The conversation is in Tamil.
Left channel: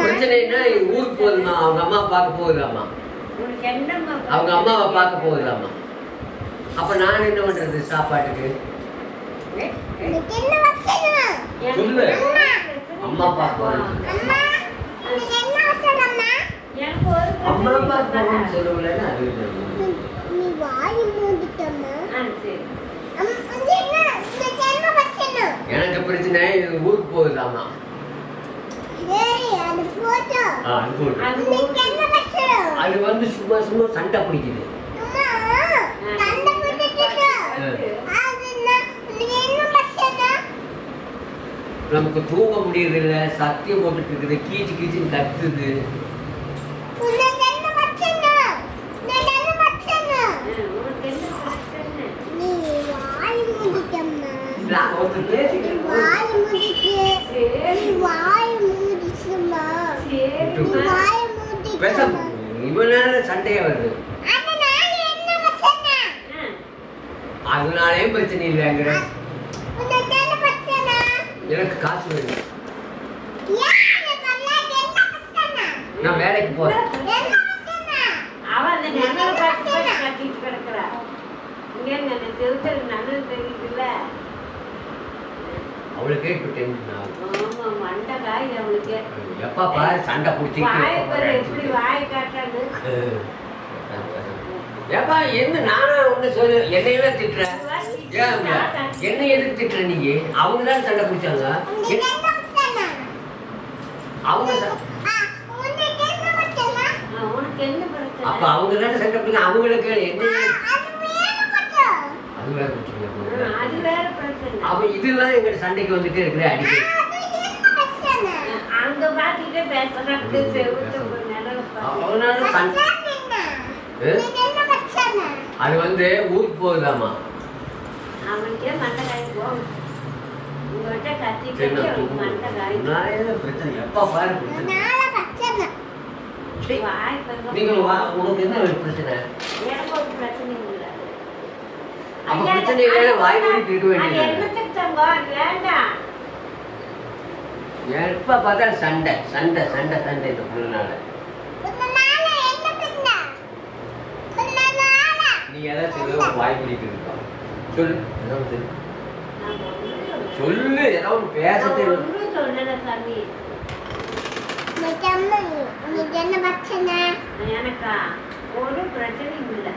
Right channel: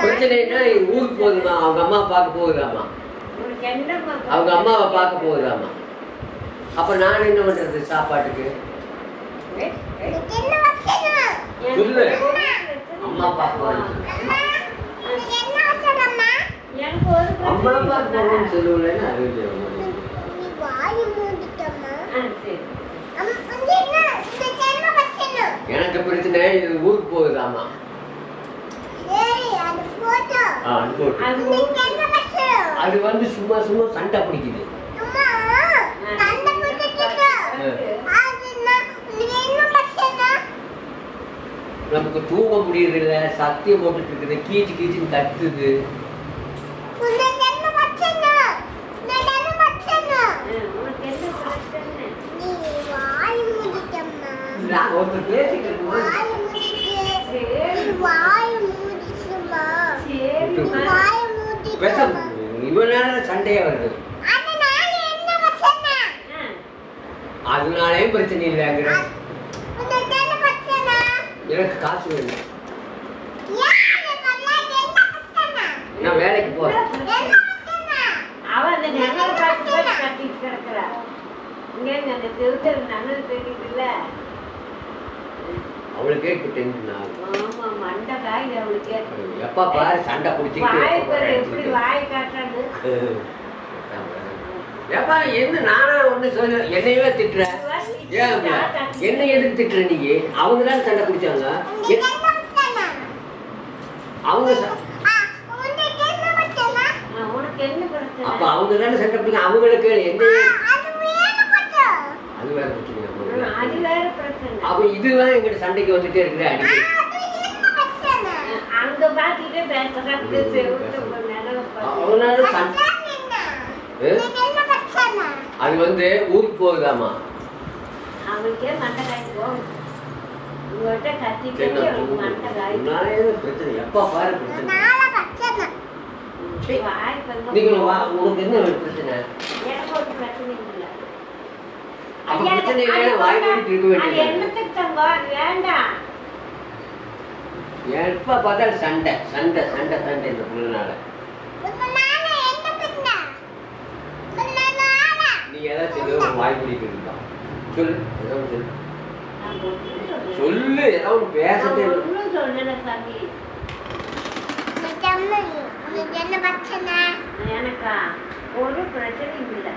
பிரச்சனைன்னா ஊருக்கு போகுதுமா, அவங்க அம்மா பார்க்க போகுதாமா, அவங்க அம்மாவை பார்க்க போகுதாமா. அப்ப நான் என்ன பண்றது சாப்பாட்டுக்கு? சொல்லு. அம்மா பார்க்க அம்மா பார்க்க சொல்லுவல. எனக்கு பிரச்சனை ஊருக்கு போகுதாமா. அது வந்து சும்மா சும்மா சண்டை பிடிக்குது. நமக்கு தூங்க முடியல, சத்தியம் போட்டுட்டு இருக்குது, கீச்சு கீச்சு கத்துது. சண்டையா வருது, அதனாலே பிரச்சனை இல்லைங்கிற. எனக்கு காசு வேணும், நான் வேலைக்கு போறேன். அவளுக்கு எப்ப பாரு சண்டை பிடிச்சிட்டு ஏப்பா என்ன நானா ஒண்ணு சொல்லு, என்னையவே திட்டுற. என்ன எதுக்கு திட்டுற நீ? அவங்க தான் சண்டை பிடிச்சாங்க. அவங்க அப்ப அவங்க தானே சண்டை பிடிக்க, அவங்களுக்கு என்ன அது வேற பிரச்சனை. அப்ப இதுதான் எங்க சண்டைக்கு வந்துட்டே இருக்கிற அடிக்கடி. அது வந்து ஊருக்கு போகுதாமா. பிரச்சனை எப்ப பாரு உனக்கு என்ன பிரச்சனை? அப்ப பிரச்சனை இல்ல, வாய் இருக்க வேண்டியது. எப்ப பார்த்தா சண்டை சண்டை சண்டை சண்டை இந்த புள்ளனால. நீ எதை சொல்லு, வாய் பிடிக்க சொல்லு, சொல்லு, ஏதாவது பேசட்டு. எனக்கா ஒரு பிரச்சனையும் இல்லை.